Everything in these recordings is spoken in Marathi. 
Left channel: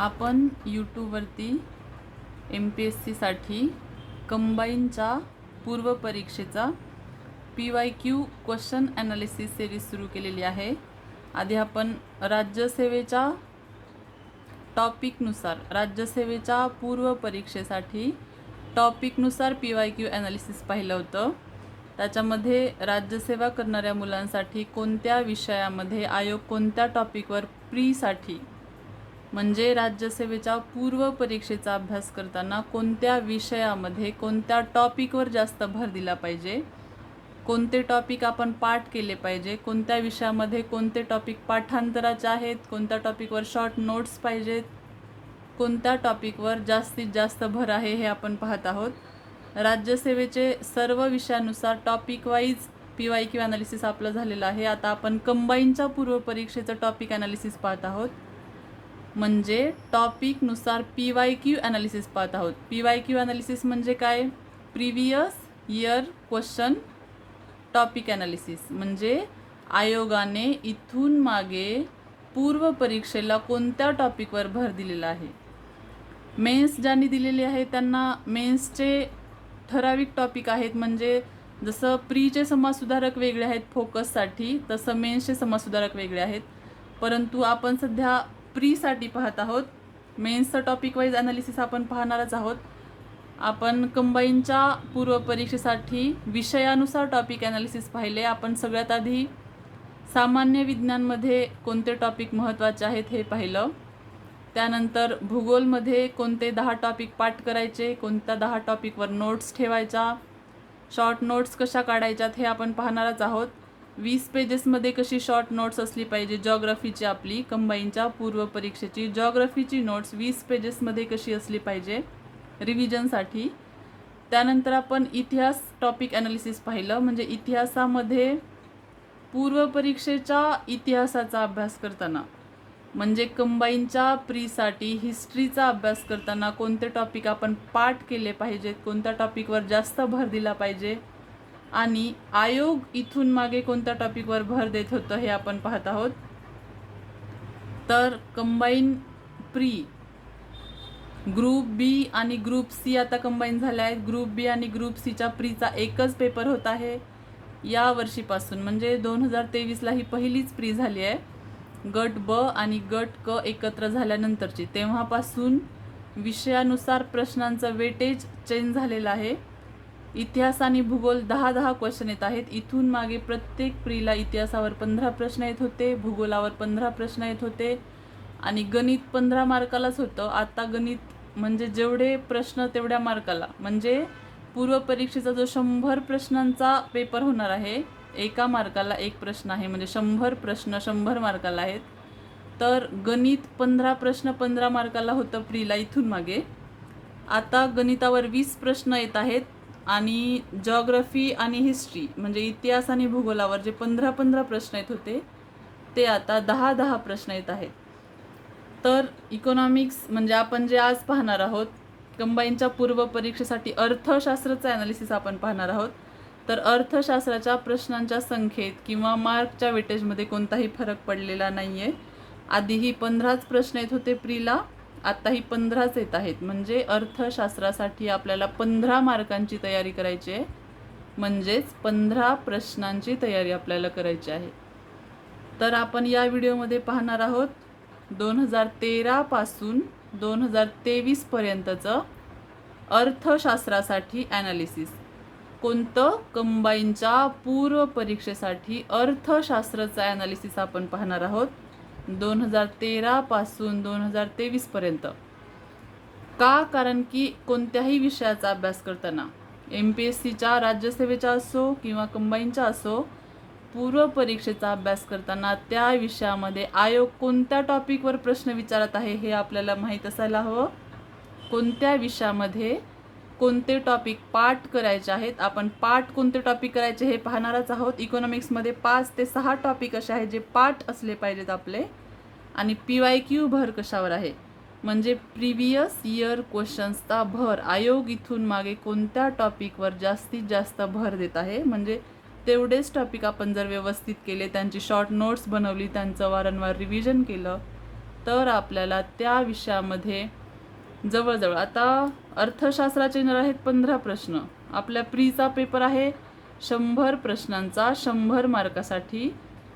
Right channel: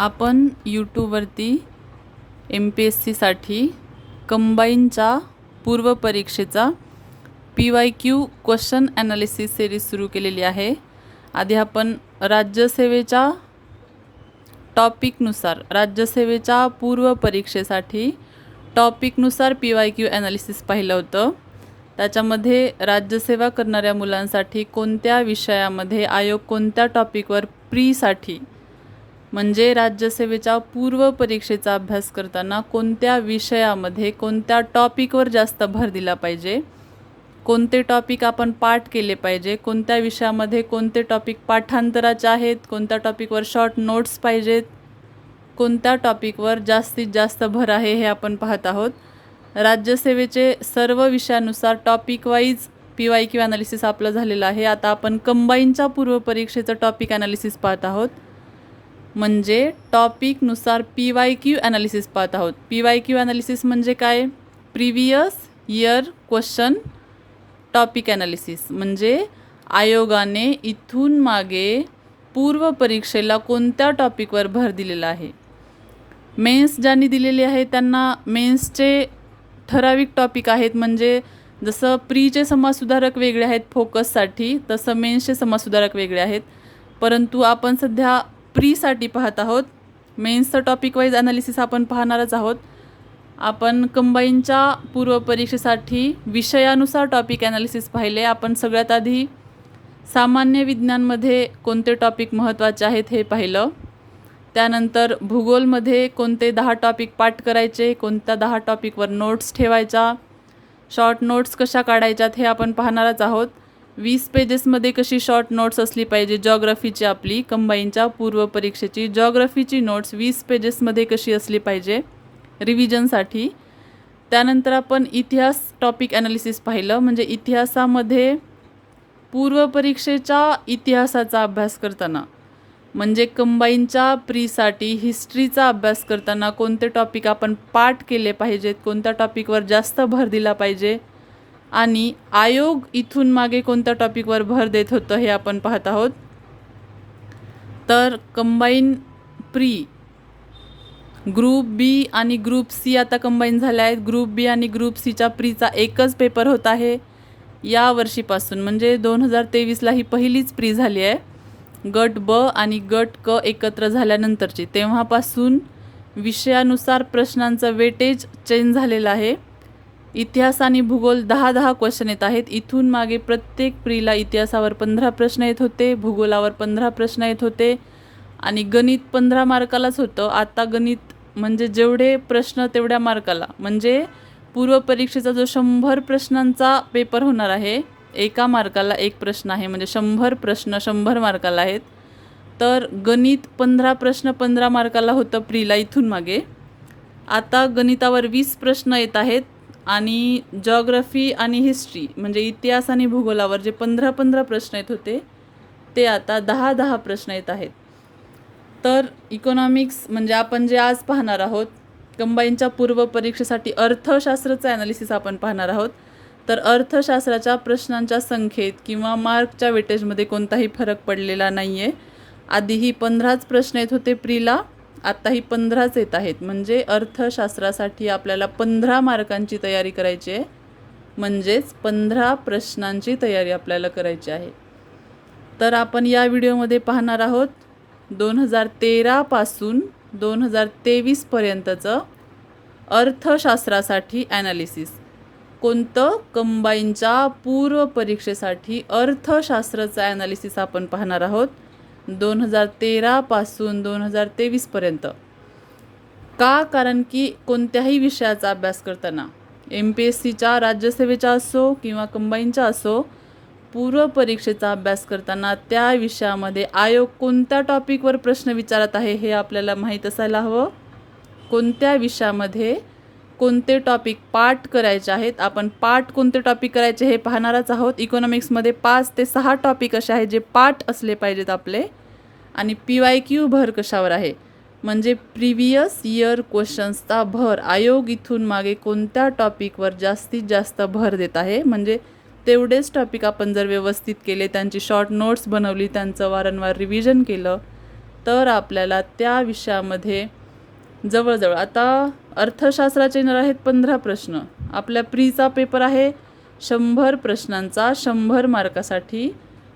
आपण यूट्यूबवरती MPSCसाठी कंबाईनच्या पूर्वपरीक्षेचा PYQ क्वेश्चन ॲनालिसिस सिरीज सुरू केलेली आहे. आधी आपण राज्यसेवेच्या टॉपिकनुसार राज्यसेवेच्या पूर्वपरीक्षेसाठी टॉपिकनुसार PYQ ॲनालिसिस पाहिलं होतं. त्याच्यामध्ये राज्यसेवा करणाऱ्या मुलांसाठी कोणत्या विषयामध्ये आयोग कोणत्या टॉपिकवर प्रीसाठी म्हणजे राज्यसेवेच्या पूर्व परीक्षेचा अभ्यास करताना कोणत्या विषयामध्ये कोणत्या टॉपिकवर जास्त भर दिला पाहिजे, कोणते टॉपिक आपण पाठ केले पाहिजे, कोणत्या विषयामध्ये कोणते टॉपिक पाठांतराचे आहेत, कोणत्या टॉपिकवर शॉर्ट नोट्स पाहिजेत, कोणत्या टॉपिकवर जास्तीत जास्त भर आहे हे आपण पाहत आहोत. राज्यसेवेचे सर्व विषयानुसार टॉपिक वाईज PYQ ॲनालिसिस आपलं झालेलं आहे. आता आपण कंबाईनच्या पूर्वपरीक्षेचं टॉपिक ॲनालिसिस पाहत आहोत, म्हणजे टॉपिकनुसार PYQ ॲनालिसिस पाहत आहोत. PYQ ॲनालिसिस म्हणजे काय? Previous year question topic analysis, म्हणजे आयोगाने इथून मागे पूर्व परीक्षेला कोणत्या टॉपिकवर भर दिलेला आहे. मेन्स ज्यांनी दिलेली आहे त्यांना मेन्सचे ठराविक टॉपिक आहेत, म्हणजे जसं प्रीचे समाजसुधारक वेगळे आहेत फोकससाठी, तसं मेन्सचे समाजसुधारक वेगळे आहेत. परंतु आपण सध्या प्रीसाठी पाहत आहोत. मेन्सचं टॉपिक वाईज ॲनालिसिस आपण पाहणारच आहोत. आपण कंबाईनच्या पूर्वपरीक्षेसाठी विषयानुसार टॉपिक ॲनालिसिस पाहिले. आपण सगळ्यात आधी सामान्य विज्ञानमध्ये कोणते टॉपिक महत्त्वाचे आहेत हे पाहिलं. त्यानंतर भूगोलमध्ये कोणते 10 टॉपिक पाठ करायचे, कोणत्या 10 टॉपिकवर नोट्स ठेवायच्या, शॉर्ट नोट्स कशा काढायच्यात हे आपण पाहणारच आहोत. 20 पेजेसमध्ये कशी शॉर्ट नोट्स असली पाहिजे. जॉग्रफीची आपली कंबाईनच्या पूर्वपरीक्षेची जॉग्रफीची नोट्स 20 पेजेसमध्ये कशी असली पाहिजे रिव्हिजनसाठी. त्यानंतर आपण इतिहास टॉपिक ॲनालिसिस पाहिलं, म्हणजे इतिहासामध्ये पूर्वपरीक्षेच्या इतिहासाचा अभ्यास करताना म्हणजे कंबाईनच्या प्रीसाठी हिस्ट्रीचा अभ्यास करताना कोणते टॉपिक आपण पाठ केले पाहिजेत, कोणत्या टॉपिकवर जास्त भर दिला पाहिजे आणि आयोग इथून मागे कोणत्या टॉपिकवर भर देत होतं हे आपण पाहत आहोत. तर कंबाईन प्री ग्रुप बी आणि ग्रुप सी आता कंबाईन झाले आहेत. ग्रुप बी आणि ग्रुप सीच्या प्रीचा एकच पेपर होत आहे या वर्षीपासून, म्हणजे 2023ला ही पहिलीच प्री झाली आहे. गट ब आणि गट क एकत्र झाल्यानंतरची, तेव्हापासून विषयानुसार प्रश्नांचं वेटेज चेंज झालेलं आहे. इतिहास आणि भूगोल 10-10 क्वेश्चन येत आहेत. इथून मागे प्रत्येक प्रीला इतिहासावर 15 प्रश्न येत होते, भूगोलावर 15 प्रश्न येत होते आणि गणित 15 मार्कालाच होतं. आता गणित म्हणजे जेवढे प्रश्न तेवढ्या मार्काला, म्हणजे पूर्वपरीक्षेचा जो 100 प्रश्नांचा पेपर होणार आहे, एका मार्काला एक प्रश्न आहे, म्हणजे 100 प्रश्न 100 मार्काला आहेत. तर गणित 15 प्रश्न 15 मार्काला होतं प्रीला इथून मागे. आता गणितावर 20 प्रश्न येत आहेत आणि जॉग्रफी आणि हिस्ट्री म्हणजे इतिहास आणि भूगोलावर जे 15-15 प्रश्न येत होते ते आता 10-10 प्रश्न येत आहेत. तर इकॉनॉमिक्स म्हणजे आपण जे आज पाहणार आहोत कंबाईनच्या पूर्वपरीक्षेसाठी अर्थशास्त्राचं ॲनालिसिस आपण पाहणार आहोत. तर अर्थशास्त्राच्या प्रश्नांच्या संख्येत किंवा मार्कच्या वेटेजमध्ये कोणताही फरक पडलेला नाही आहे. आधीही 15च प्रश्न येत होते प्रीला, आत्ताही 15च येत आहेत. म्हणजे अर्थशास्त्रासाठी आपल्याला 15 मार्कांची तयारी करायची आहे, म्हणजेच 15 प्रश्नांची तयारी आपल्याला करायची आहे. तर आपण या व्हिडिओमध्ये पाहणार आहोत 2013 पासून 2023पर्यंतचं अर्थशास्त्रासाठी ॲनालिसिस. कोणतं? कंबाईनच्या पूर्वपरीक्षेसाठी अर्थशास्त्राचं ॲनालिसिस आपण पाहणार आहोत 2013 पासून 2023पर्यंत. का? कारण की कोणत्याही विषयाचा अभ्यास करताना MPSCच्या राज्यसेवेच्या असो किंवा कंबाईनच्या असो, पूर्वपरीक्षेचा अभ्यास करताना त्या विषयामध्ये आयोग कोणत्या टॉपिकवर प्रश्न विचारत आहे हे आपल्याला माहीत असायला हवं. कोणत्या विषयामध्ये कोणते टॉपिक पाठ करायचे आहेत, आपण पाठ कोणते टॉपिक करायचे हे पाहणारच आहोत. इकॉनॉमिक्समध्ये 5 ते 6 टॉपिक असे आहेत जे पाठ असले पाहिजेत आपले. आणि PYQ भर कशावर आहे, म्हणजे प्रिव्हियस इयर क्वेश्चन्सचा भर आयोग इथून मागे कोणत्या टॉपिकवर जास्तीत जास्त भर देत आहे. म्हणजे तेवढेच टॉपिक आपण जर व्यवस्थित केले, त्यांची शॉर्ट नोट्स बनवली, त्यांचं वारंवार रिव्हिजन केलं, तर आपल्याला त्या विषयामध्ये जवळजवळ आता अर्थशास्त्राचे येणार आहेत 15 प्रश्न. आपल्या प्रीचा पेपर आहे 100 प्रश्नांचा, 100 मार्कासाठी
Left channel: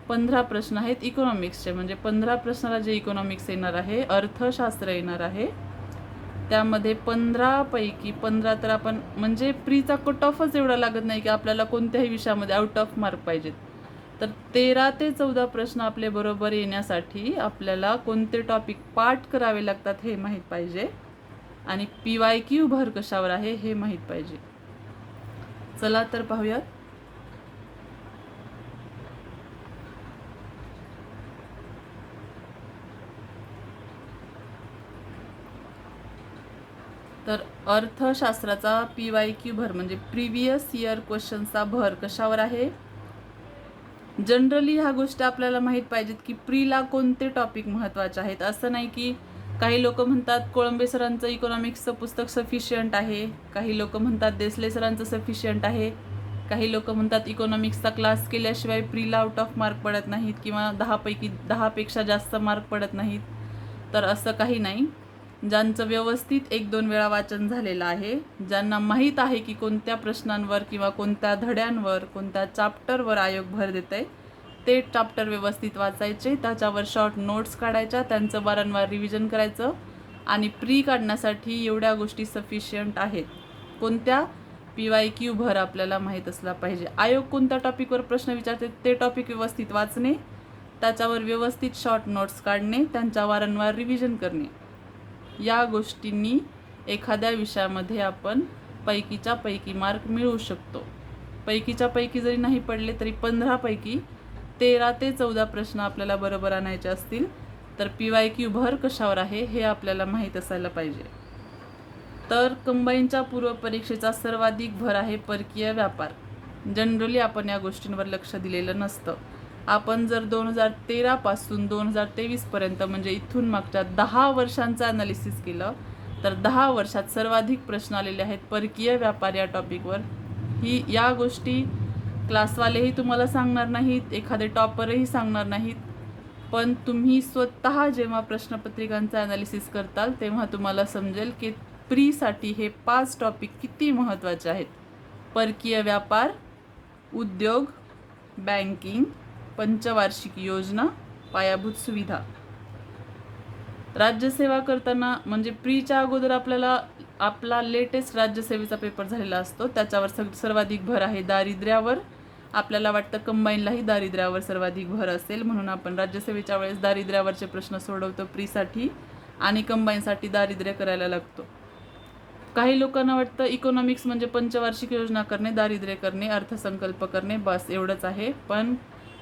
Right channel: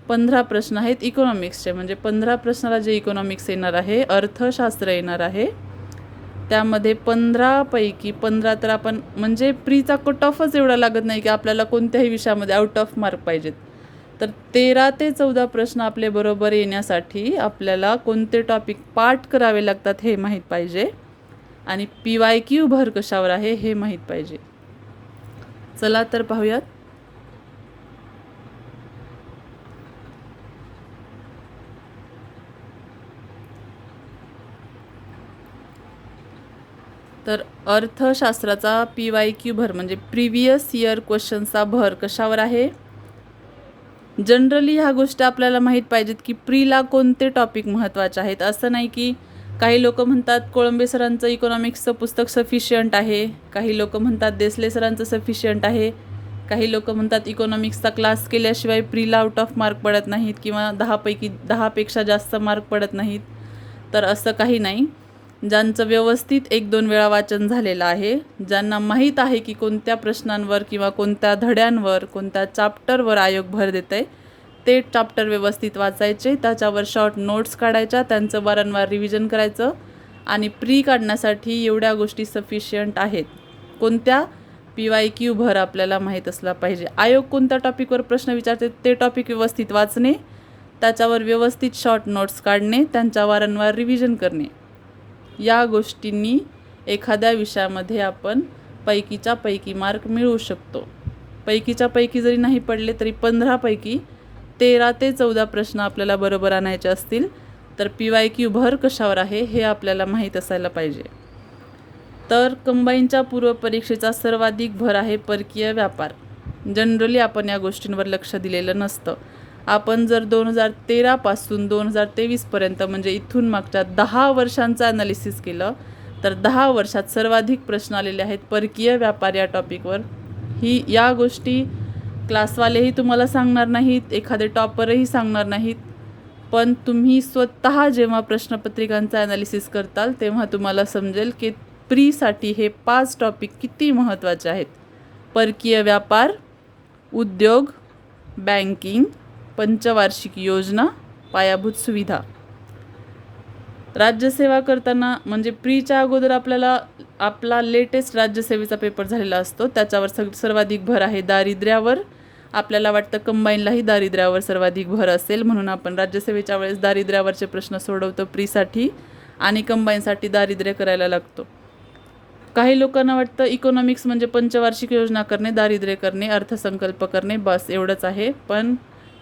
15 प्रश्न आहेत इकॉनॉमिक्सचे. म्हणजे 15 प्रश्नाला जे इकॉनॉमिक्स येणार आहे, अर्थशास्त्र येणार आहे, त्यामध्ये 15 पैकी 15 तर आपण म्हणजे प्रीचा कट ऑफच एवढा लागत नाही की आपल्याला कोणत्याही विषयामध्ये आउट ऑफ मार्क पाहिजेत. तर 13 ते 14 प्रश्न आपले बरोबर येण्यासाठी आपल्याला कोणते टॉपिक पाठ करावे लागतात हे माहीत पाहिजे आणि PYQ भर कशावर आहे हे माहीत पाहिजे. चला तर पाहूयात. तर अर्थशास्त्राचा PYQ भर म्हणजे प्रिव्हियस इयर क्वेश्चनचा भर कशावर आहे. जनरली ह्या गोष्टी आपल्याला माहीत पाहिजेत की प्रीला कोणते टॉपिक महत्त्वाचे आहेत. असं नाही की काही लोक म्हणतात कोळंबे सरांचं इकॉनॉमिक्सचं पुस्तक सफिशियंट आहे, काही लोक म्हणतात देसले सरांचं सफिशियंट आहे, काही लोक म्हणतात इकॉनॉमिक्सचा क्लास केल्याशिवाय प्रीला आउट ऑफ मार्क पडत नाहीत किंवा 10 पैकी 10पेक्षा जास्त मार्क पडत नाहीत. तर असं काही नाही. ज्यांचं व्यवस्थित 1-2 वेळा वाचन झालेलं आहे, ज्यांना माहीत आहे की कोणत्या प्रश्नांवर किंवा कोणत्या धड्यांवर कोणत्या चॅप्टरवर आयोग भर देत आहे, ते चॅप्टर व्यवस्थित वाचायचे, त्याच्यावर शॉर्ट नोट्स काढायच्या, त्यांचं वारंवार रिव्हिजन करायचं आणि प्री काढण्यासाठी एवढ्या गोष्टी सफिशियंट आहेत. कोणत्या? PYQ भर आपल्याला माहीत असला पाहिजे. आयोग कोणत्या टॉपिकवर प्रश्न विचारते ते टॉपिक व्यवस्थित वाचणे, त्याच्यावर व्यवस्थित शॉर्ट नोट्स काढणे, त्यांच्या वारंवार रिव्हिजन करणे, या गोष्टींनी एखाद्या विषयामध्ये आपण पैकीच्या पैकी मार्क मिळवू शकतो. पैकीच्या पैकी जरी नाही पडले तरी 15 पैकी 13 ते 14 प्रश्न आपल्याला बरोबर आणायचे असतील तर PYQ भर कशावर आहे हे आपल्याला माहीत असायला पाहिजे. तर कंबाईनच्या पूर्वपरीक्षेचा सर्वाधिक भर आहे परकीय व्यापार. जनरली आपण या गोष्टींवर लक्ष दिलेलं नसतं. आपण जर 2013 पासून 2023पर्यंत म्हणजे इथून मागच्या 10 वर्षांचं ॲनालिसिस केलं तर 10 वर्षात सर्वाधिक प्रश्न आलेले आहेत परकीय व्यापार या टॉपिकवर. या गोष्टी क्लासवालेही तुम्हाला सांगणार नाहीत, एखादे टॉपरही सांगणार नाहीत, पण तुम्ही स्वतः जेव्हा प्रश्नपत्रिकांचा ॲनालिसिस करताल तेव्हा तुम्हाला समजेल की प्रीसाठी हे 5 टॉपिक किती महत्त्वाचे आहेत. परकीय व्यापार, उद्योग, बँकिंग, पंचवार्षिक योजना, पायाभूत सुविधा. राज्यसेवा करताना म्हणजे प्रीच्या अगोदर आपला लेटेस्ट राज्यसेवेचा पेपर झालेला असतो, त्याच्यावर सर्वाधिक भर आहे दारिद्र्यावर. आपल्याला वाटतं कंबाईनलाही दारिद्र्यावर सर्वाधिक भर असेल म्हणून आपण राज्यसेवेच्या वेळेस दारिद्र्यावरचे प्रश्न सोडवतो प्रीसाठी आणि कंबाईनसाठी दारिद्र्य करायला लागतो. काही लोकांना वाटतं इकॉनॉमिक्स म्हणजे पंचवार्षिक योजना करणे, दारिद्र्य करणे, अर्थसंकल्प करणे, बस एवढंच आहे. पण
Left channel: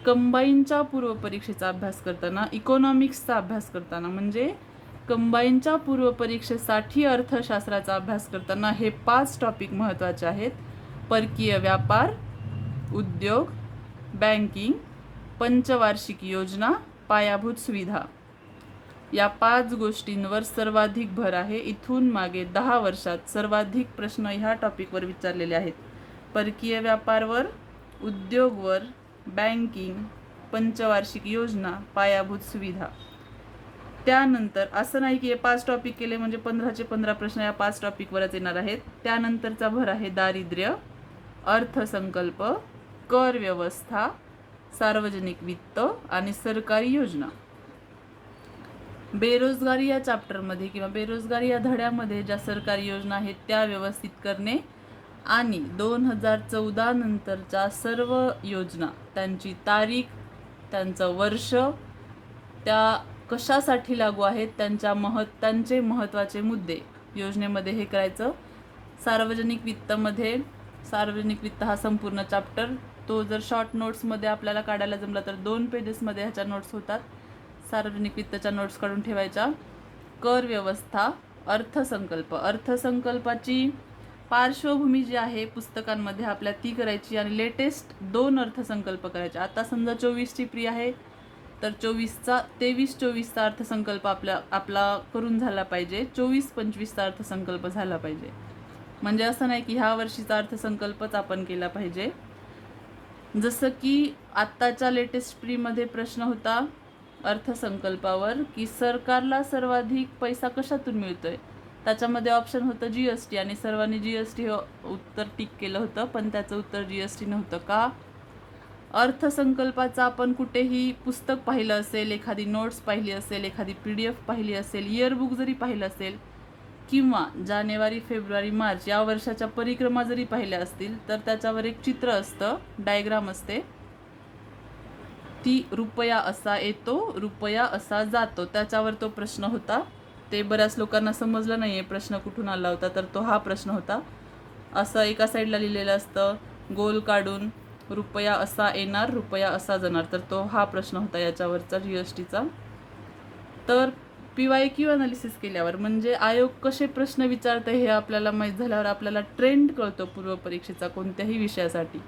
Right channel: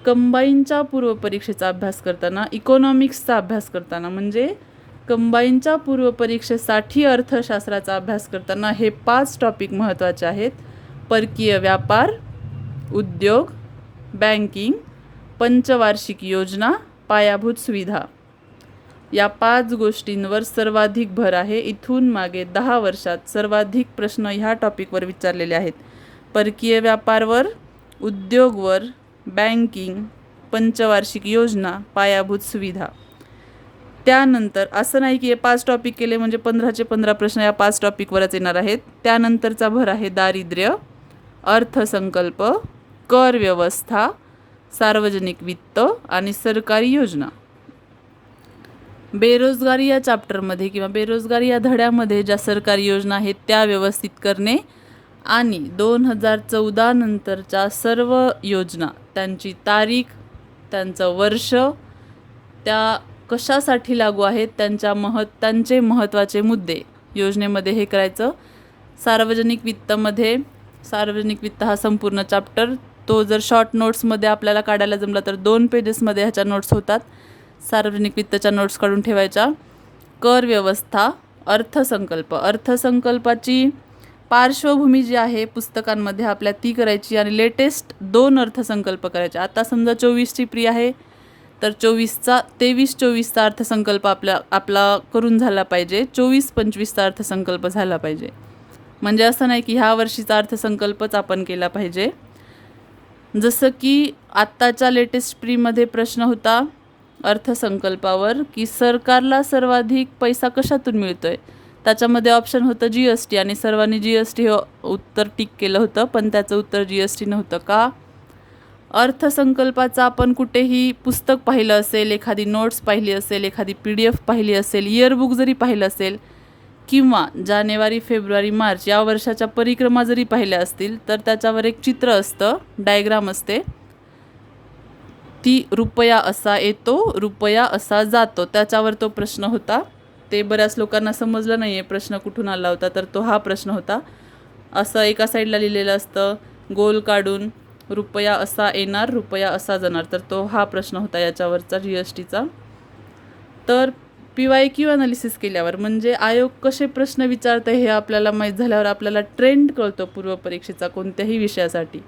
कंबाईनच्या पूर्वपरीक्षेचा अभ्यास करताना, इकॉनॉमिक्सचा अभ्यास करताना म्हणजे कंबाईनच्या पूर्वपरीक्षेसाठी अर्थशास्त्राचा अभ्यास करताना हे 5 टॉपिक महत्त्वाचे आहेत. परकीय व्यापार, उद्योग, बँकिंग, पंचवार्षिक योजना, पायाभूत सुविधा. या 5 गोष्टींवर सर्वाधिक भर आहे. इथून मागे 10 वर्षात सर्वाधिक प्रश्न ह्या टॉपिकवर विचारलेले आहेत. परकीय व्यापारवर, उद्योगवर, बँकिंग, पंचवार्षिक योजना, पायाभूत सुविधा. त्यानंतर असं नाही की हे 5 टॉपिक केले म्हणजे 15चे 15 प्रश्न या 5 टॉपिकवरच येणार आहेत. त्यानंतरचा भर आहे दारिद्र्य, अर्थसंकल्प, कर व्यवस्था, सार्वजनिक वित्त आणि सरकारी योजना. बेरोजगारी या चॅप्टरमध्ये किंवा बेरोजगारी या धड्यामध्ये ज्या सरकारी योजना आहेत त्या व्यवस्थित करणे आणि 2014 नंतरच्या सर्व योजना, त्यांची तारीख, त्यांचं वर्ष, त्या कशासाठी लागू आहेत, त्यांचे महत्त्वाचे मुद्दे योजनेमध्ये हे करायचं. सार्वजनिक वित्त हा संपूर्ण चॅप्टर, तो जर शॉर्ट नोट्समध्ये आपल्याला काढायला जमला तर 2 पेजेसमध्ये ह्याच्या नोट्स होतात. सार्वजनिक वित्तच्या नोट्स काढून ठेवायच्या. कर व्यवस्था, अर्थसंकल्पाची पार्श्वभूमी जी आहे पुस्तकांमध्ये आपल्या ती करायची आणि लेटेस्ट 2 अर्थसंकल्प करायचे. आता समजा 24ची प्री आहे तर 23-24चा अर्थसंकल्प आपला करून झाला पाहिजे, 24-25चा अर्थसंकल्प झाला पाहिजे. म्हणजे असं नाही की ह्या वर्षीचा अर्थसंकल्पच आपण केला पाहिजे. जसं की आत्ताच्या लेटेस्ट प्रीमध्ये प्रश्न होता अर्थसंकल्पावर की सरकारला सर्वाधिक पैसा कशातून मिळतोय. त्याच्यामध्ये ऑप्शन होतं GST आणि सर्वांनी GST हे उत्तर टिक केलं होतं, पण त्याचं उत्तर GST नव्हतं. का? अर्थसंकल्पाचं आपण कुठेही पुस्तक पाहिलं असेल, एखादी नोट्स पाहिली असेल, एखादी PDF पाहिली असेल, इयरबुक जरी पाहिलं असेल किंवा जानेवारी, फेब्रुवारी, मार्च या वर्षाच्या परिक्रमा जरी पाहिल्या असतील, तर त्याच्यावर एक चित्र असतं, डायग्राम असते. ती रुपया असा येतो, रुपया असा जातो, त्याच्यावर तो प्रश्न होता. ते बऱ्याच लोकांना समजलं नाही आहे प्रश्न कुठून आला होता, तर तो हा प्रश्न होता. असं एका साईडला लिहिलेलं असतं, गोल काढून रुपया असा येणार, रुपया असा जाणार, तर तो हा प्रश्न होता याच्यावरचा GSTचा. तर PYQ अनालिसिस केल्यावर म्हणजे आयोग कसे प्रश्न विचारते हे आपल्याला माहीत झाल्यावर आपल्याला ट्रेंड कळतो पूर्वपरीक्षेचा कोणत्याही विषयासाठी.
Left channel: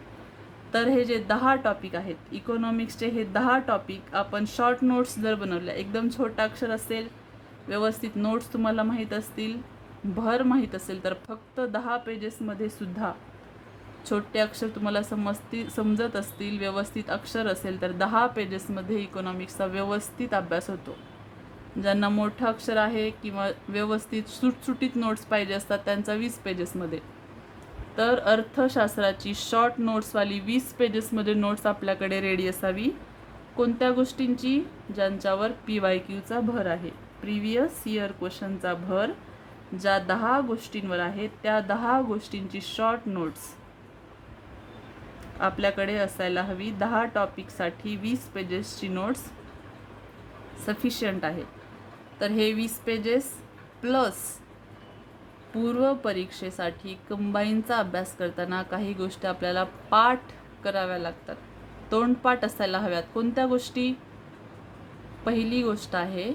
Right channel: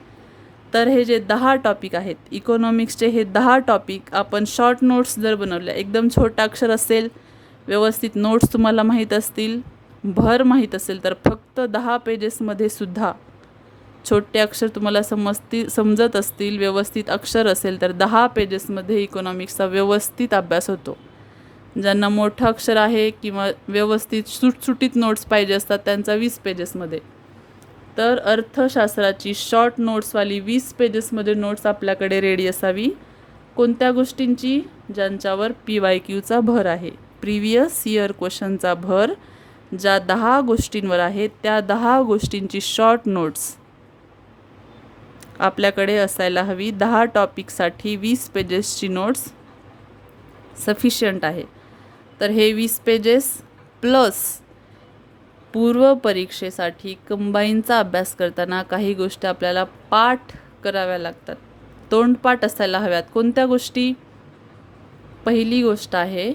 तर हे जे 10 टॉपिक आहेत, इकॉनॉमिक्सचे हे 10 टॉपिक आपण शॉर्ट नोट्स जर बनवल्या, एकदम छोटा अक्षर असेल, व्यवस्थित नोट्स तुम्हाला माहीत असतील, भर माहीत असेल, तर फक्त 10 पेजेसमध्ये सुद्धा छोटे अक्षर तुम्हाला समजत असतील, व्यवस्थित अक्षर असेल, तर 10 पेजेसमध्ये इकॉनॉमिक्सचा व्यवस्थित अभ्यास होतो. ज्यांना मोठं अक्षर आहे किंवा व्यवस्थित सुटसुटीत नोट्स पाहिजे असतात त्यांचा 20 पेजेसमध्ये. तर अर्थशास्त्राची शॉर्ट नोट्सवाली 20 पेजेसमध्ये नोट्स आपल्याकडे रेडी असावी. कोणत्या गोष्टींची? ज्यांच्यावर PYQचा भर आहे, प्रिव्हियस इयर क्वेश्चनचा भर ज्या 10 गोष्टींवर आहे, त्या 10 गोष्टींची शॉर्ट नोट्स आपल्याकडे असायला हवी. 10 टॉपिकसाठी 20 पेजेसची नोट्स सफिशियंट आहे. तर हे 20 पेजेस प्लस पूर्व परीक्षेसाठी कंबाईनचा अभ्यास करताना काही गोष्टी आपल्याला पाठ कराव्या लागतात, तोंडपाठ असायला हव्यात. कोणत्या गोष्टी? पहिली गोष्ट आहे,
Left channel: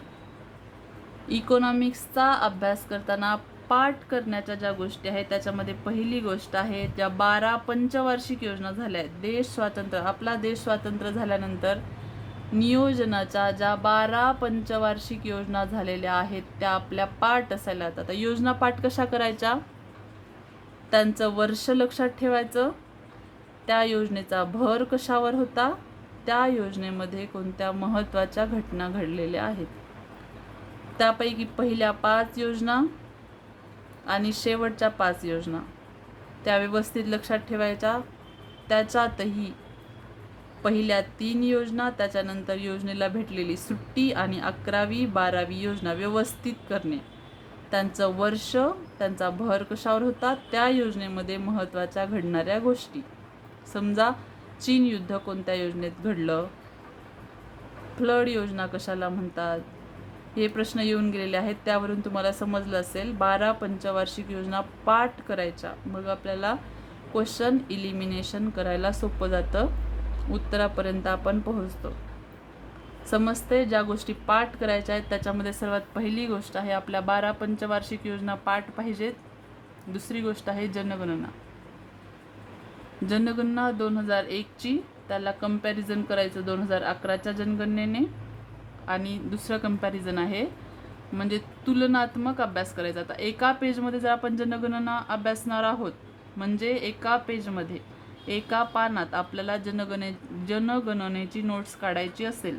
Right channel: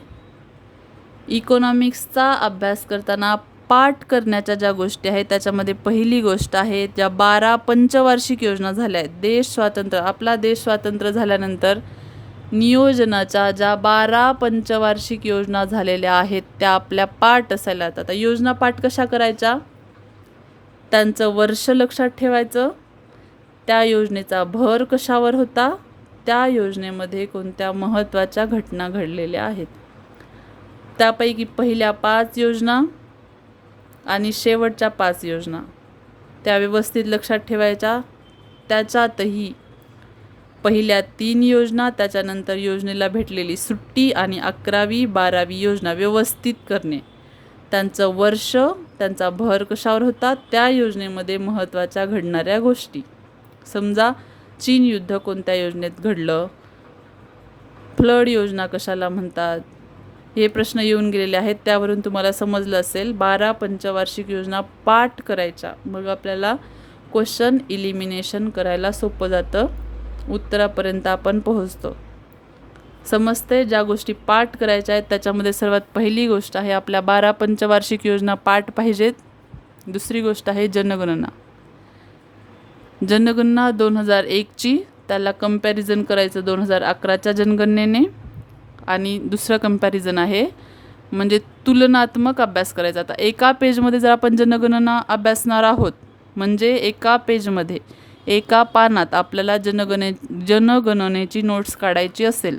इकॉनॉमिक्सचा अभ्यास करताना पाठ करण्याच्या ज्या गोष्टी आहेत त्याच्यामध्ये पहिली गोष्ट आहे, ज्या 12 पंचवार्षिक योजना झाल्या आहेत. आपला देश स्वातंत्र्य झाल्यानंतर नियोजनाच्या ज्या 12 पंचवार्षिक योजना झालेल्या आहेत त्या आपल्या पाठ असायला लागतात. आता योजना पाठ कशा करायच्या? त्यांचं वर्ष लक्षात ठेवायचं, त्या योजनेचा भर कशावर होता, त्या योजनेमध्ये कोणत्या महत्त्वाच्या घटना घडलेल्या आहेत, त्यापैकी पहिल्या 5 योजना आणि शेवटच्या 5 योजना त्या व्यवस्थित लक्षात ठेवायच्या. त्याच्यातही पहिल्या 3 योजना, त्याच्यानंतर योजनेला भेटलेली सुट्टी आणि 11वी 12वी योजना व्यवस्थित करणे. त्यांचं वर्ष, त्यांचा भर कशावर होता, त्या योजनेमध्ये महत्त्वाच्या घडणाऱ्या गोष्टी. समजा चीन युद्ध कोणत्या योजनेत घडलं, फ्लड योजना कशाला म्हणतात, हे प्रश्न येऊन गेलेले आहेत. त्यावरून तुम्हाला समजलं असेल 12 पंचवार्षिक योजना पाठ करायच्या, मग आपल्याला क्वेश्चन इलिमिनेशन करायला सोपं जातं, उत्तरापर्यंत आपण पोहोचतो. समजते? ज्या गोष्टी पाठ करायच्या आहेत त्याच्यामध्ये सर्वात पहिली गोष्ट आहे आपल्या 12 पंचवार्षिक योजना पाठ पाहिजेत. दुसरी गोष्ट आहे जनगणना. जनगणना 2001ची, त्याला कंपॅरिझन करायचं 2011च्या जनगणनेने. आणि दुसरं कंपॅरिझन आहे म्हणजे तुलनात्मक अभ्यास करायचा. आता एका पेजमध्ये जर आपण जनगणना अभ्यासणार आहोत म्हणजे एका पेजमध्ये, एका पानात आपल्याला जनगणनेची नोट्स काढायची असेल,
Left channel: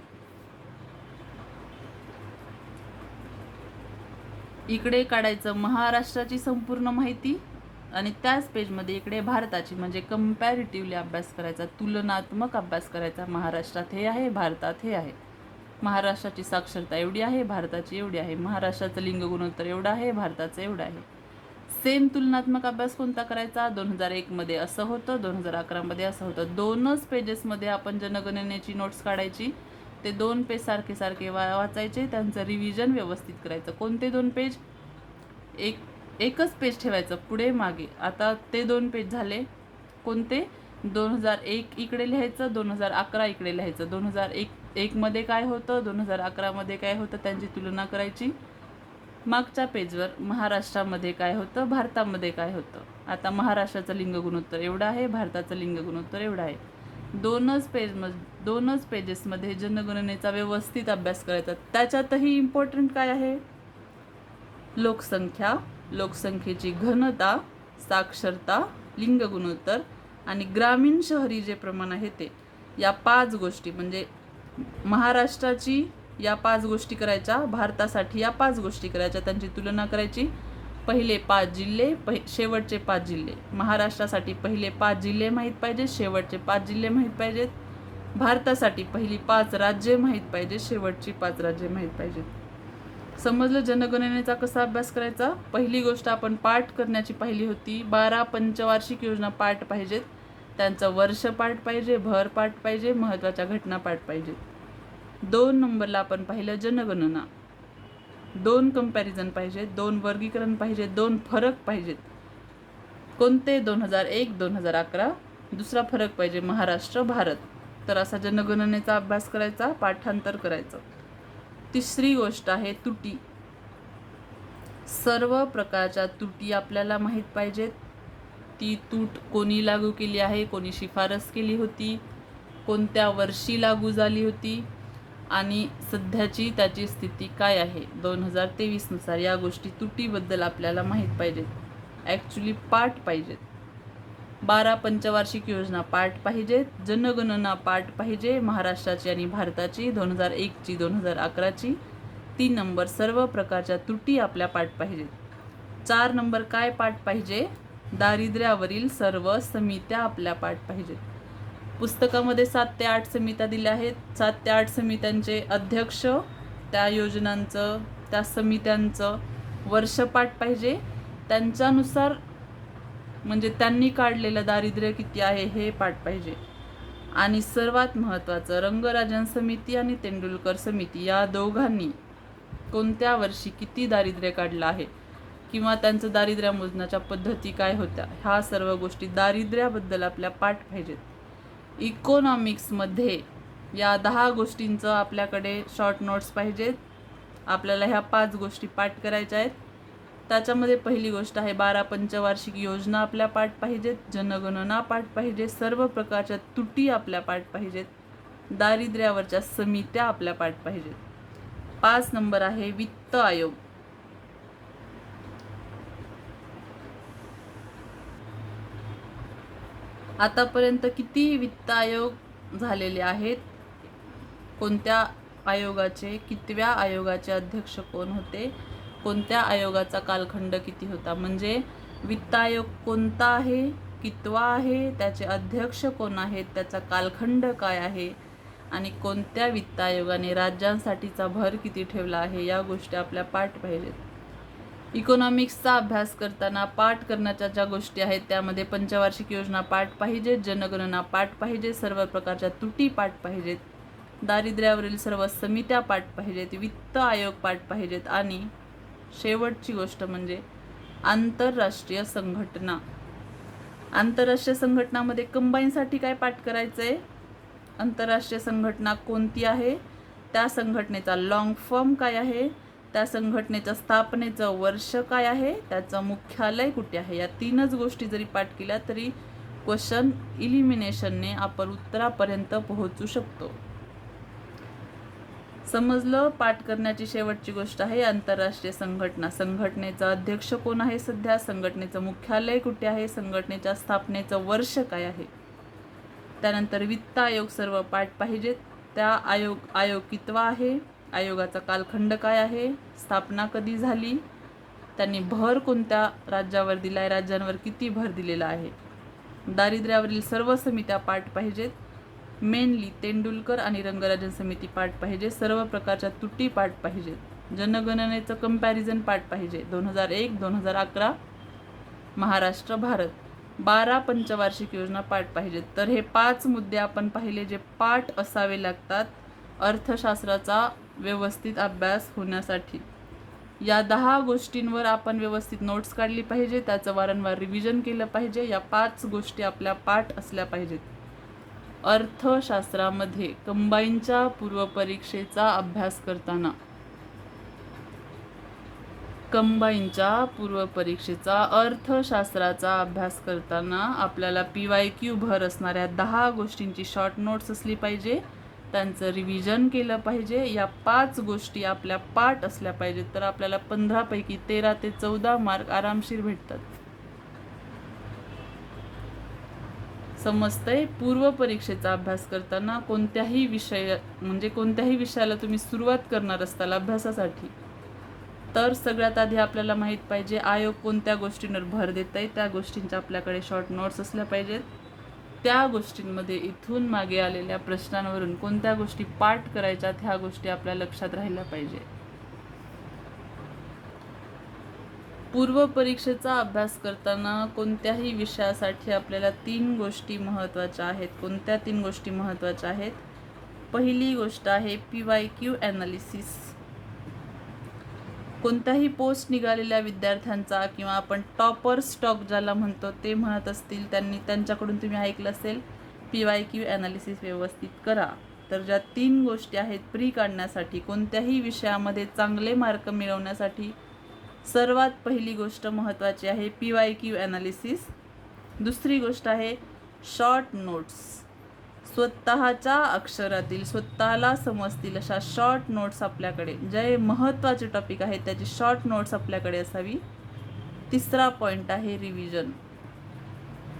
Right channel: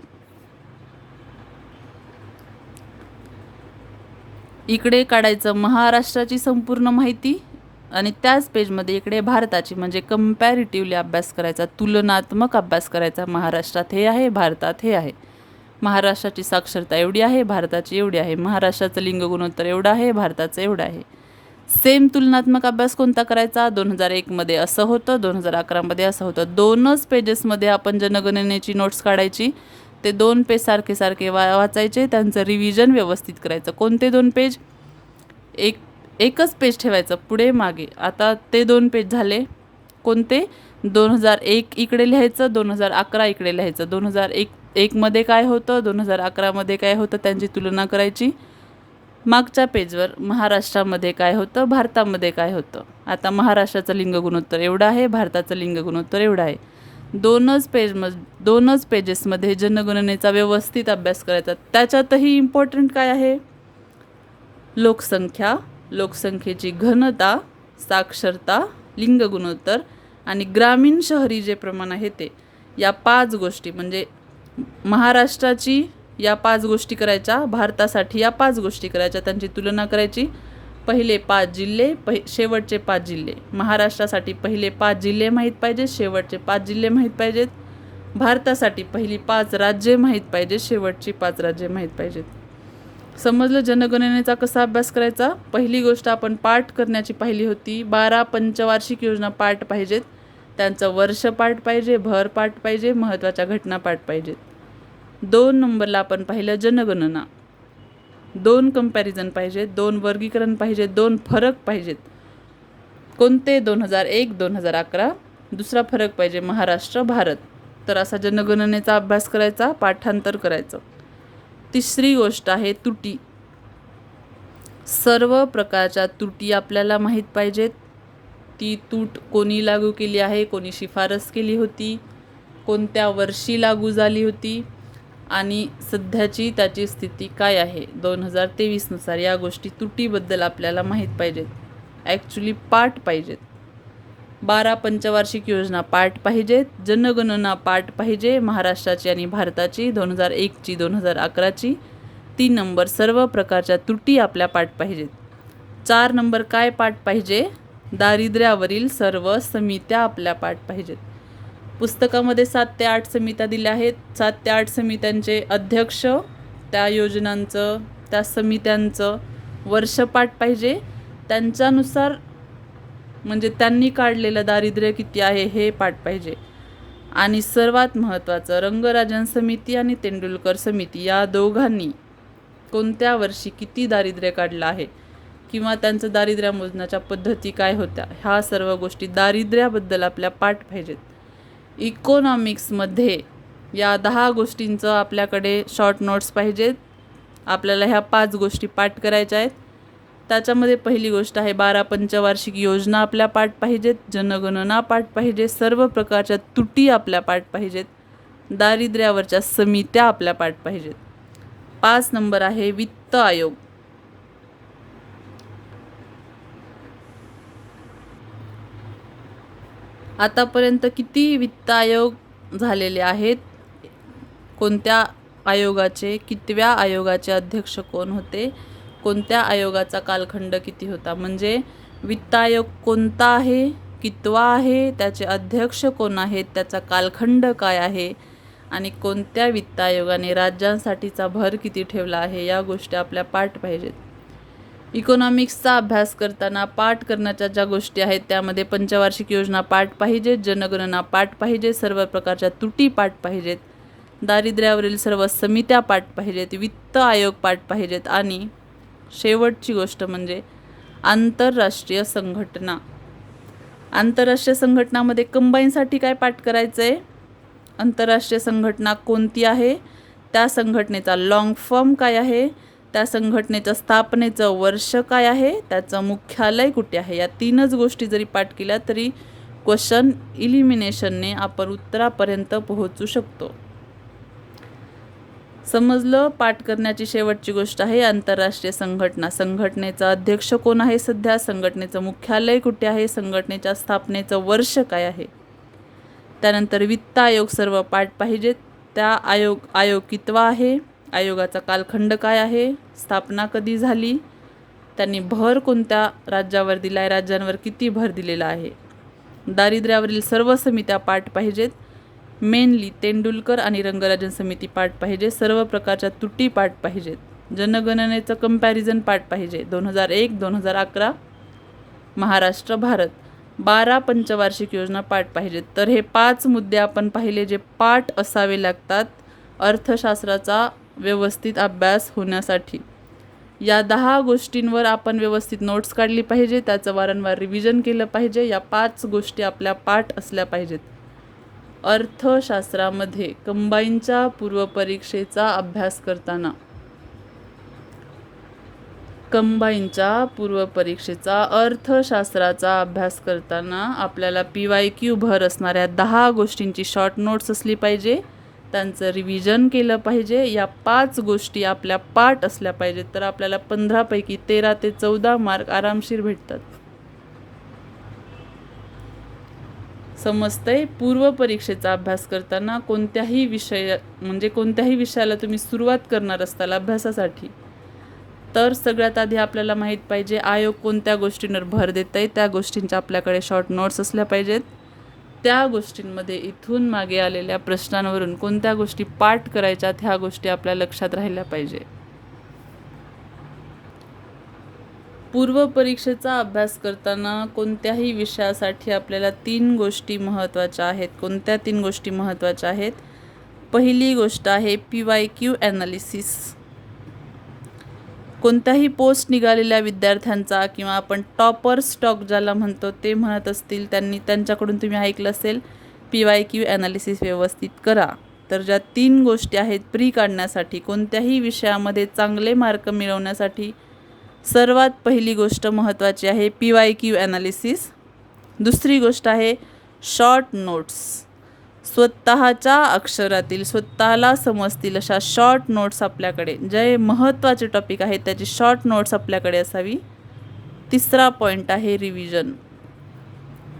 इकडे काढायचं महाराष्ट्राची संपूर्ण माहिती आणि त्याच पेजमध्ये इकडे भारताची म्हणजे कंपॅरिटिव्हली अभ्यास करायचा, तुलनात्मक अभ्यास करायचा. महाराष्ट्रात हे आहे, भारतात हे आहे. महाराष्ट्राची साक्षरता एवढी आहे, भारताची एवढी आहे. महाराष्ट्राचं लिंग गुणोत्तर एवढं आहे, भारताचं एवढं आहे. सेम तुलनात्मक अभ्यास कोणता करायचा? 2001मध्ये असं होतं, 2011मध्ये असं होतं. 2च पेजेसमध्ये आपण जनगणनेची नोट्स काढायची. ते 2 पेज सारखे सारखे वाचायचे, त्यांचं रिव्हिजन व्यवस्थित करायचं. कोणते 2 पेज? एकच पेज ठेवायचं पुढे मागे. आता ते 2 पेज झाले कोणते? 2001 इकडे लिहायचं, 2011 इकडे लिहायचं. 2001 मध्ये काय होतं, 2011मध्ये काय होतं, त्यांची तुलना करायची. मागच्या पेजवर महाराष्ट्रामध्ये काय होतं, भारतामध्ये काय होतं. आता महाराष्ट्राचं लिंग गुणोत्तर एवढं आहे, भारताचं लिंग गुणोत्तर एवढं आहे. 2च पेजेसमध्ये जनगणनेचा व्यवस्थित अभ्यास करायचा. त्याच्यातही इम्पॉर्टंट काय आहे? लोकसंख्या, लोकसंख्येची घनता, साक्षरता, लिंग गुणोत्तर आणि ग्रामीण शहरी जे प्रमाण आहे ते. या 5 गोष्टी म्हणजे महाराष्ट्राची या 5 गोष्टी करायच्या, भारतासाठी या 5 गोष्टी करायच्या, त्यांची तुलना करायची. पहिले 5 जिल्हे, शेवटचे 5 जिल्हे. महाराष्ट्रासाठी पहिले 5 जिल्हे माहीत पाहिजेत, शेवटचे 5 जिल्हे माहीत पाहिजेत. भारतासाठी पहिली 5 राज्ये माहीत पाहिजेत, शेवटची 5 राज्ये माहीत पाहिजेत. समजलं जनगणनेचा कसा अभ्यास करायचा. पहिली गोष्ट आपण पाठ करण्याची पाहिली होती. 12 पंचवार्षिक योजना पाठ पाहिजेत, त्यांचं वर्ष पाठ पाहिजे, भर पाठ पाहिजे, महत्त्वाच्या घटना पाठ पाहिजेत. 2 नंबरला आपण पाहिलं जनगणना. 2 कंपॅरिझन पाहिजेत, 2 वर्गीकरण पाहिजे, 2 फरक पाहिजेत. कोणते? 2001, 2011. दुसरा फरक पाहिजे महाराष्ट्र, भारत. तर असा जनगणनेचा अभ्यास करायचा, पाठांतर करायचं. तिसरी गोष्ट आहे त्रुटी. सर्व प्रकारच्या त्रुटी आपल्याला माहीत पाहिजेत. ती तूट कोणी लागू केली आहे, कोणी शिफारस केली होती, कोणत्या वर्षी लागू झाली होती आणि सध्याची त्याची स्थिती काय आहे 2023 नुसार. या गोष्टी त्रुटीबद्दल आपल्याला माहीत पाहिजेत, ॲक्च्युली पाठ पाहिजेत. 12 पंचवार्षिक योजना पाठ पाहिजेत, जनगणना पाठ पाहिजे, महाराष्ट्राची आणि भारताची, 2001ची, 2011ची. 3 नंबर सर्व प्रकारच्या त्रुटी आपल्या पाठ पाहिजेत. 4 नंबर काय पाठ पाहिजे? दारिद्र्यावरील सर्व समित्या आपल्या पाठ पाहिजेत. पुस्तकामध्ये 7 ते 8 समित्या दिल्या आहेत. 7 ते 8 समित्यांचे अध्यक्ष, त्या योजनांचं, त्या समित्यांचं वर्ष पाठ पाहिजे. त्यांच्यानुसार म्हणजे त्यांनी काढलेलं दारिद्र्य किती आहे हे पाठ पाहिजे. आणि सर्वात महत्त्वाचं, रंगराजन समिती आणि तेंडुलकर समिती या दोघांनी कोणत्या वर्षी किती दारिद्र्य काढलं आहे किंवा त्यांचं दारिद्र्य मोजण्याच्या पद्धती काय होत्या, ह्या सर्व गोष्टी दारिद्र्याबद्दल आपल्या पाठ पाहिजेत. इकॉनॉमिक्समध्ये या 10 गोष्टींचं आपल्याकडे शॉर्ट नोट्स पाहिजेत. आपल्याला ह्या 5 गोष्टी पाठ करायच्या आहेत. त्याच्यामध्ये पहिली गोष्ट आहे 12 पंचवार्षिक योजना आपल्या पाठ पाहिजेत, जनगणना पाठ पाहिजे, सर्व प्रकारच्या त्रुटी आपल्या पाठ पाहिजेत, दारिद्र्यावरच्या समित्या आपल्या पाठ पाहिजेत. 5 नंबर आहे वित्त आयोग. आतापर्यंत किती वित्त आयोग झालेले आहेत, कोणत्या आयोगाचे, कितव्या आयोगाचे अध्यक्ष कोण होते, कोणत्या आयोगाचा कालखंड किती होता, म्हणजे वित्त आयोग कोणता आहे, कितवा आहे, त्याचे अध्यक्ष कोण आहेत, त्याचा कालखंड काय आहे आणि कोणत्या वित्त आयोगाने राज्यांसाठीचा भर किती ठेवला आहे, या गोष्टी आपल्या पाठ पाहिजेत. इकॉनॉमिक्सचा अभ्यास करताना पाठ करण्याच्या ज्या गोष्टी आहेत त्यामध्ये पंचवार्षिक योजना पाठ पाहिजेत, जनगणना पाठ पाहिजे, सर्व प्रकारच्या त्रुटी पाठ पाहिजेत, दारिद्र्यावरील सर्व समित्या पाठ पाहिजेत, वित्त आयोग पाठ पाहिजेत आणि शेवटची गोष्ट म्हणजे आंतरराष्ट्रीय संघटना. आंतरराष्ट्रीय संघटनामध्ये कंबाईनसाठी काय पाठ करायचं आहे? आंतरराष्ट्रीय संघटना कोणती आहे, त्या संघटनेचा लॉंग फॉर्म काय आहे, त्या संघटनेचं स्थापनेचं वर्ष काय आहे, त्याचं मुख्यालय कुठे आहे. या 3च गोष्टी जरी पाठ केल्या तरी क्वेश्चन इलिमिनेशनने आपण उत्तरापर्यंत पोहोचू शकतो. समजलं. पाठ करण्याची शेवटची गोष्ट आहे आंतरराष्ट्रीय संघटना. संघटनेचा अध्यक्ष कोण आहे सध्या, संघटनेचं मुख्यालय कुठे आहे, संघटनेच्या स्थापनेचं वर्ष काय आहे. त्यानंतर वित्त आयोग सर्व पाठ पाहिजेत. त्या आयोग कितवा आहे, आयोगाचा कालखंड काय आहे, स्थापना कधी झाली, त्यांनी भर कोणत्या राज्यावर दिला आहे, राज्यांवर किती भर दिलेला आहे. दारिद्र्यावरील सर्व समित्या पाठ पाहिजेत. मेनली तेंडुलकर आणि रंगराजन समिती पाठ पाहिजे, सर्व प्रकारच्या त्रुटी पाठ पाहिजेत, जनगणनेचं कंपॅरिझन पाठ पाहिजे, 2001, 2011, महाराष्ट्र, भारत. 12 पंचवार्षिक योजना पाठ पाहिजेत. तर हे 5 मुद्दे आपण पाहिले जे पाठ असावे लागतात अर्थशास्त्राचा व्यवस्थित अभ्यास होण्यासाठी. या 10 गोष्टींवर आपण व्यवस्थित नोट्स काढली पाहिजे, त्याचं वारंवार रिव्हिजन केलं पाहिजे. या 5 गोष्टी आपल्या पाठ असल्या पाहिजेत. अर्थशास्त्रामध्ये कंबाईनच्या पूर्वपरीक्षेचा अभ्यास करताना अर्थशास्त्राचा अभ्यास करताना आपल्याला PYQ भर असणाऱ्या 10 गोष्टींची शॉर्ट नोट्स असली पाहिजे, त्यांचं रिव्हिजन केलं पाहिजे. या 5 गोष्टी आपल्या पाठ असल्या पाहिजेत, तर आपल्याला 15 पैकी 13 ते 14 मार्क आरामशीर भेटतात. समजतंय? पूर्व परीक्षेचा अभ्यास करताना कोणत्याही विषयाला तुम्ही सुरुवात करणार असताल अभ्यासासाठी, तर सगळ्यात आधी आपल्याला माहीत पाहिजे आयोग कोणत्या गोष्टींवर भर देत आहे. त्या गोष्टींच्या आपल्याकडे शॉर्ट नोट्स असल्या पाहिजेत. त्या गोष्टींमध्ये इथून मागे आलेल्या प्रश्नांवरून कोणत्या गोष्टी पाठ करायच्यात ह्या गोष्टी आपल्या लक्षात राहिल्या पाहिजे. पूर्व परीक्षेचा अभ्यास करताना कोणत्याही विषयासाठी आपल्याला 3 गोष्टी महत्त्वाच्या आहेत. कोणत्या 3 गोष्टी महत्त्वाच्या आहेत? पहिली गोष्ट आहे PYQ ॲनालिसिस. कोणत्याही पोस्ट निघालेल्या विद्यार्थ्यांचा किंवा आपण टॉपर स्टॉक ज्याला म्हणतो ते म्हणत असतील त्यांच्याकडून तुम्ही ऐकलं असेल PYQ ॲनालिसिस व्यवस्थित करा. तर ज्या 3 गोष्टी आहेत प्री काढण्यासाठी, कोणत्याही विषयामध्ये चांगले मार्क मिळवण्यासाठी सर्वात पहिली गोष्ट महत्त्वाची आहे PYQ ॲनालिसिस. दुसरी गोष्ट आहे शॉर्ट नोट्स. स्वतःच्या अक्षरातील स्वतःला समजतील अशा शॉर्ट नोट्स आपल्याकडे, जे महत्त्वाचे टॉपिक आहेत त्याची शॉर्ट नोट्स आपल्याकडे असावी. तिसरा पॉईंट आहे रिव्हिजन.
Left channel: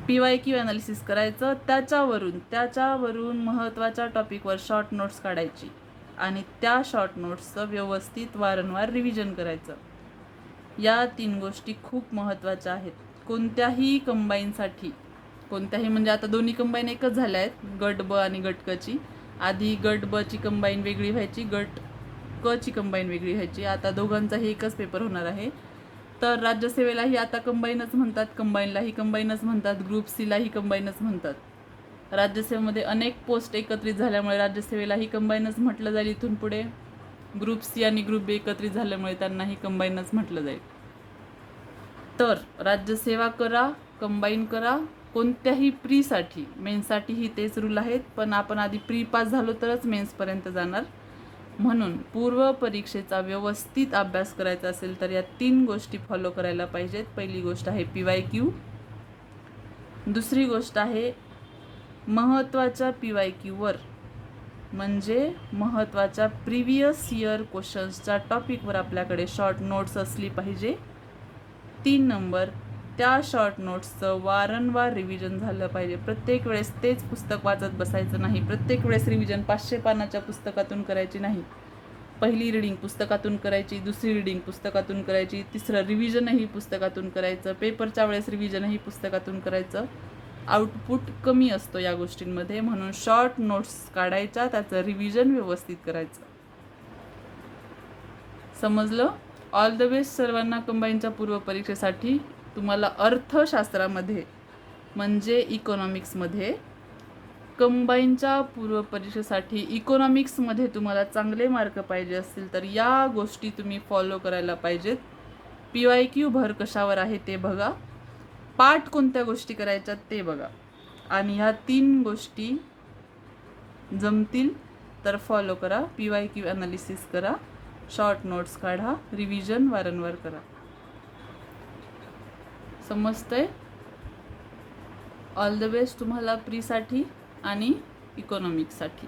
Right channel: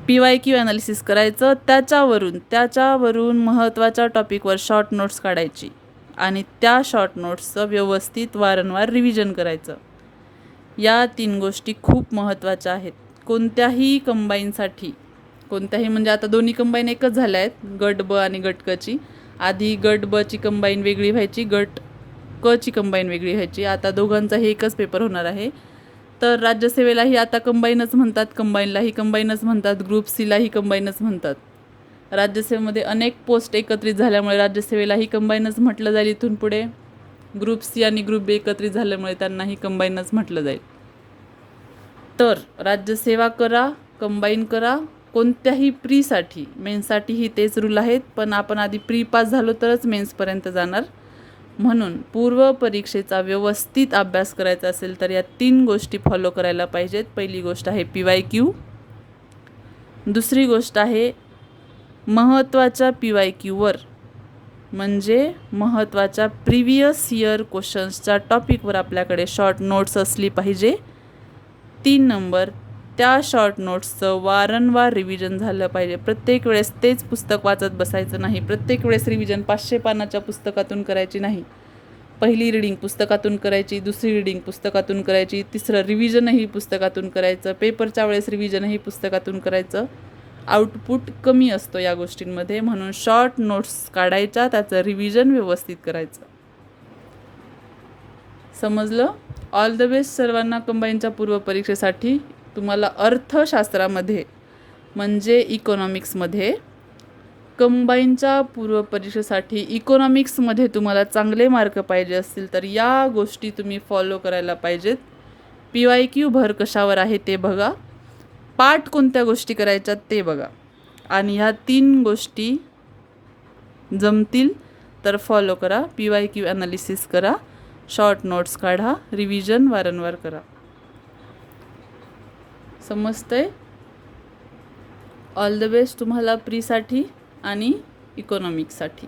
PYQ ॲनालिसिस करायचं, त्याच्यावरून महत्त्वाच्या टॉपिकवर शॉर्ट नोट्स काढायची आणि त्या शॉर्ट नोट्सचं व्यवस्थित वारंवार रिव्हिजन करायचं. या 3 गोष्टी खूप महत्त्वाच्या आहेत. कोणत्याही कंबाईनसाठी, म्हणजे आता दोन्ही कंबाईन एकच झाल्या आहेत, गट ब आणि गट क ची. आधी गट ब ची कंबाईन वेगळी व्हायची, गट क ची कंबाईन वेगळी व्हायची. आता दोघांचाही एकच पेपर होणार आहे. तर राज्यसेवेलाही आता कंबाईनच म्हणतात, कंबाईनलाही कंबाईनच म्हणतात, ग्रुप सीलाही कंबाईनच म्हणतात. राज्यसेवेमध्ये अनेक पोस्ट एकत्रित झाल्यामुळे राज्यसेवेलाही कंबाईनच म्हटलं जाईल इथून पुढे. ग्रुप सी आणि ग्रुप बी एकत्रित झाल्यामुळे त्यांनाही कंबाईनच म्हटलं जाईल. तर राज्यसेवा करा, कंबाईन करा. कोणत्याही प्रीसाठी, मेन्ससाठीही तेच रूल आहेत, पण आपण आधी प्री पास झालो तरच मेन्सपर्यंत जाणार. म्हणून पूर्व परीक्षेचा व्यवस्थित अभ्यास करायचा असेल तर या 3 गोष्टी फॉलो करायला पाहिजेत. पहिली गोष्ट आहे PYQ. दुसरी गोष्ट आहे महत्त्वाच्या PYQवर, म्हणजे महत्त्वाच्या प्रिव्हियस इयर क्वेश्चन्सच्या टॉपिकवर आपल्याकडे शॉर्ट नोट्स असली पाहिजे. 3 नंबर, त्या शॉर्ट नोट्सचं वारंवार रिव्हिजन झालं पाहिजे. प्रत्येक वेळेस तेच पुस्तक वाचत बसायचं नाही. प्रत्येक वेळेस रिव्हिजन 500 पानाच्या पुस्तकातून करायची नाही. पहिली रीडिंग पुस्तकातून करायची, दुसरी रीडिंग पुस्तकातून करायची, तिसरं रिव्हिजनही पुस्तकातून करायचं, पेपरच्या वेळेस रिव्हिजनही पुस्तकातून करायचं. आउटपुट कमी असतो या गोष्टींमध्ये, म्हणून शॉर्ट नोट्स काढायच्या, त्याचं रिव्हिजन व्यवस्थित करायचं. समजलं? ऑल द बेस्ट सर्वांना कंबाईनच्या पूर्व परीक्षेसाठी. तुम्हाला अर्थशास्त्रामध्ये म्हणजे इकॉनॉमिक्समध्ये कंबाईनच्या पूर्व परीक्षेसाठी इकॉनॉमिक्समध्ये तुम्हाला चांगले मार्क पाहिजे असतील तर या गोष्टी तुम्ही फॉलो करायला पाहिजेत. PYQ भर कशावर आहे ते बघा, पाठ कोणत्या गोष्टी करायच्यात ते बघा, आणि ह्या 3 गोष्टी जमतील तर फॉलो करा. PYQ ॲनालिसिस करा, शॉर्ट नोट्स काढा, रिव्हिजन वारंवार करा. समजतंय? ऑल द बेस्ट तुम्हाला प्रीसाठी आणि इकॉनॉमिक्ससाठी.